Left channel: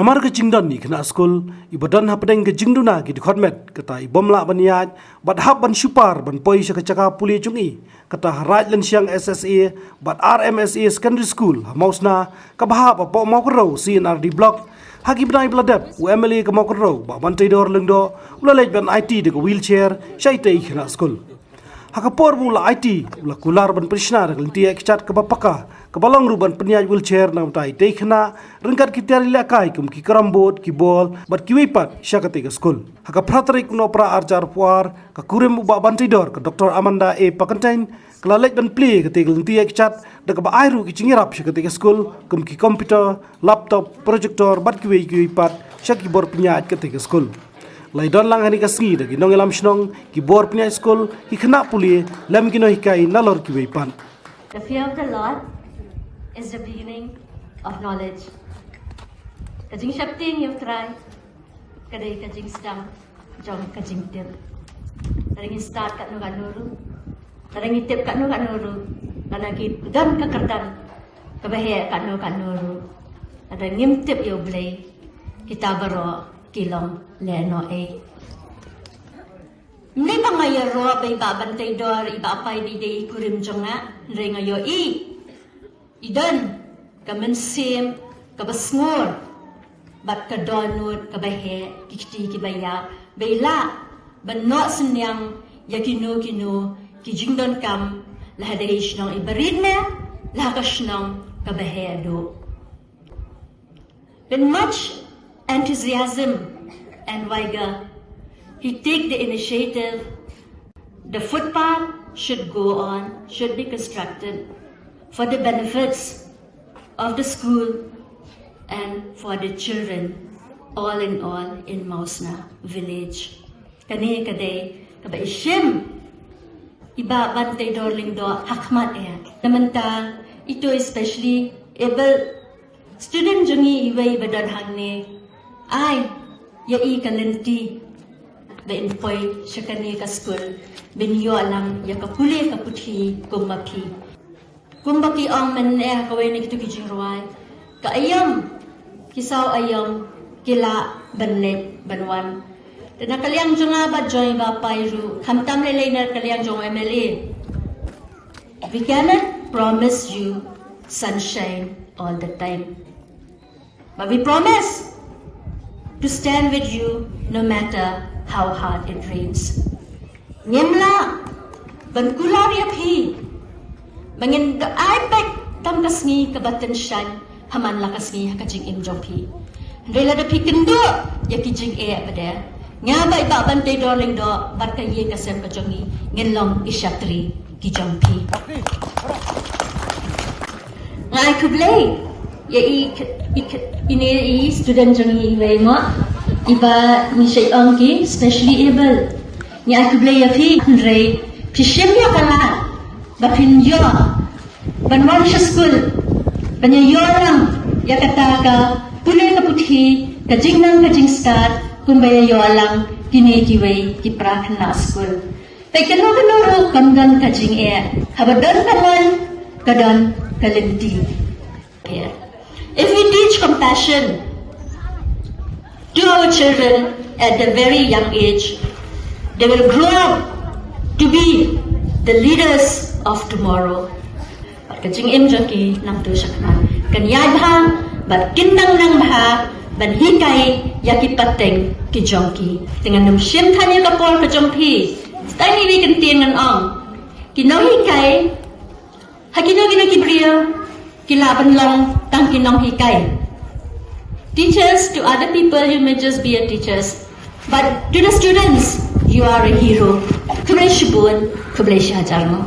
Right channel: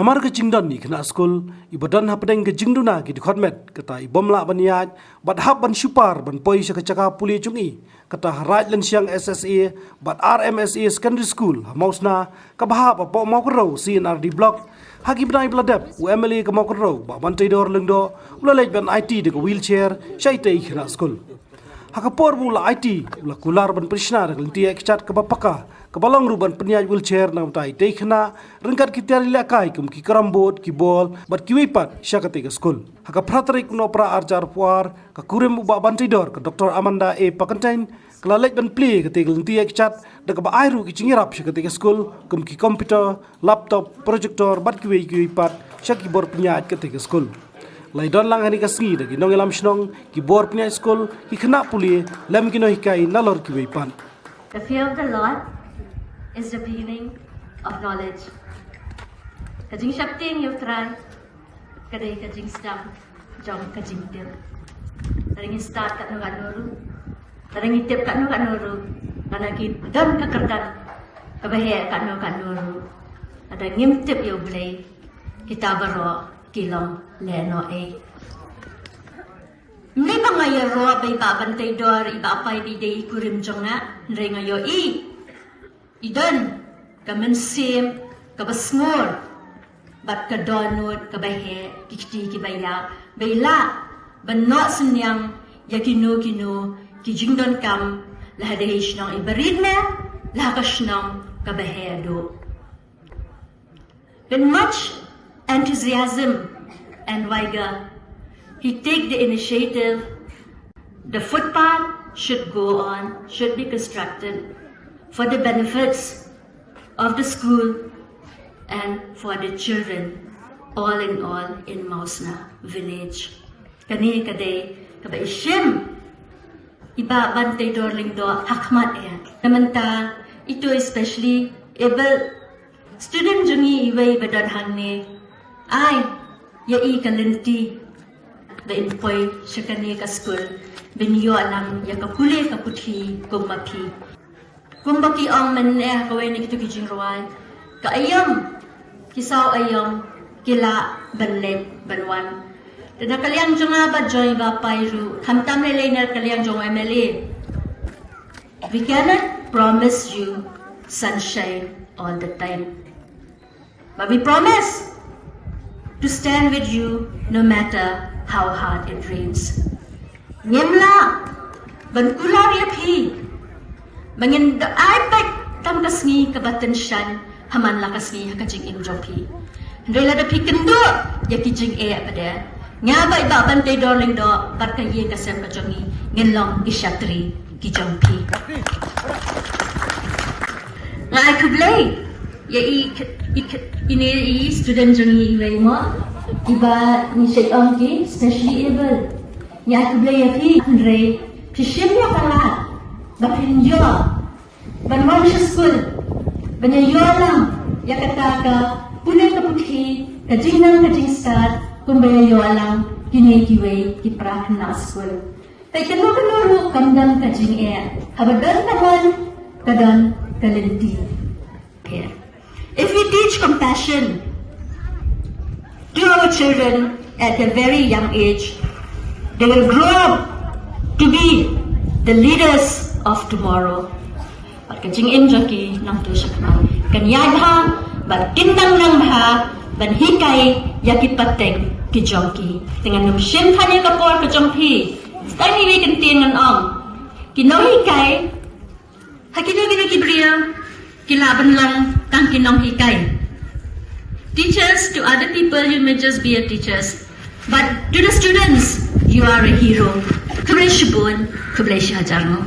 Namar ke jingdan ni kena skul ibadan hapdeng ke jingduna ki dikhotmet kata ibomla ban ïaid bat hab ban supar ban poi sya kacaka puli chungi kata haraj len siang SSA bat RMSA secondary school mausna ka bahap apa mau kro CNRD block hagi benai bladap UMLA ka mau kro ba ban tidor lengdo ulalej ban IT de wheelchair syaitei kena skul hakapor bula IT ula kular ban prishna lynti ekchat ka bapaka kabalong ruban pyniaid wheelchair nang tai khynnah rengkat kitari lakai kum ki karambot ki bol bat ki wipat syakati ka skul haka pratrik no pra arjar puar ka kurem uba bantidor ka Dr. Amanda A Pakantain klalek ban plie ka tegel lynti ekchat da ka ba airu ki chingirap syakati ka skul kum ki computer laptop projector bat ki wipat syaki bor pyniaid ka tegel skul Laidon lang hani kasngi dagi nong elam shnong ki bor pyniaid skul ki khynnah puli lam ki no hikai nalor ki wipan. The fear of the Lord is the beginning of knowledge. Kajing shakti yung try, kadai kajing stang, jom kajing tip. Taringi start kat nung anuru, taringi tip kat nung anuru, kanaki dan kakerdan, kabahe kat nung anuru. Ada ngim tip yung blay, kita baro kilong leno ay. Hindi ba ngayon ro bay babantay dor iba apay di day kurim jonga nray ngayon idan kamansim kabasngor bat kadonut kabahe kikti kibaya bayla banno senyang yakino kino kijingdon kam lahadahish nang ibarid na lahakas nang kabahe do. With much enthusiasm and vigor, he take the initiative. The footpath should go on, should be constructed for the benefits of the school and for the children, all in Mausna village. Kani kaday kabaishim iba bantay dorling do hakmat namanta ito especially able student jungi iway badarhang ni ay yai lynti ba impoy siya kani ka school binyo alam ya kapuli kaputhi kumapi kumbaki ang manne kaway na kito kijing ruway kaayam kisaw ayam kila banlet banwan na kaliang junga ba joy ba payru kamtam lelay na kaliang junga MLA. We cannot promise you sunshine all the time, but we promise to stand with you no matter how hard it rains. Nyemla bankular yapi mangin aipek tam kasngi kabatan shan haman la kasngi hakajing imjopi rela da pikendo yakijing pada nga ba iba bantay dorling do barkaye kasem pajongi ngenlong isyatri kijampi ngai kublay ya ini student jongi iway mo iba ni Shillong ki specially able ni aku blay api rei pishim ya kala bapin yo banwan sa school banya yo lang ya kata ka pulay ka puthi kajing nang kajing start kumbaya yo lang kini kiway ki prakna school tay kanoro kamdan kajing habadan kaman kadon kalenti. If we teach compassion to our children at a very young age, they will grow up to be the leaders of tomorrow. At kajing imjaki nang tusak na kanyad ha bat kinang nang ha ban hikay yaki pateng kijongki dengan numshim kanya kapor kajongki stani wekin tingan kinong hikay hakino kibriyo kilaban lang tang kinong hikay. Teachers, to other people you may just be a teachers, but to the students you are a hero. Kublay shibun, kublay shajarno.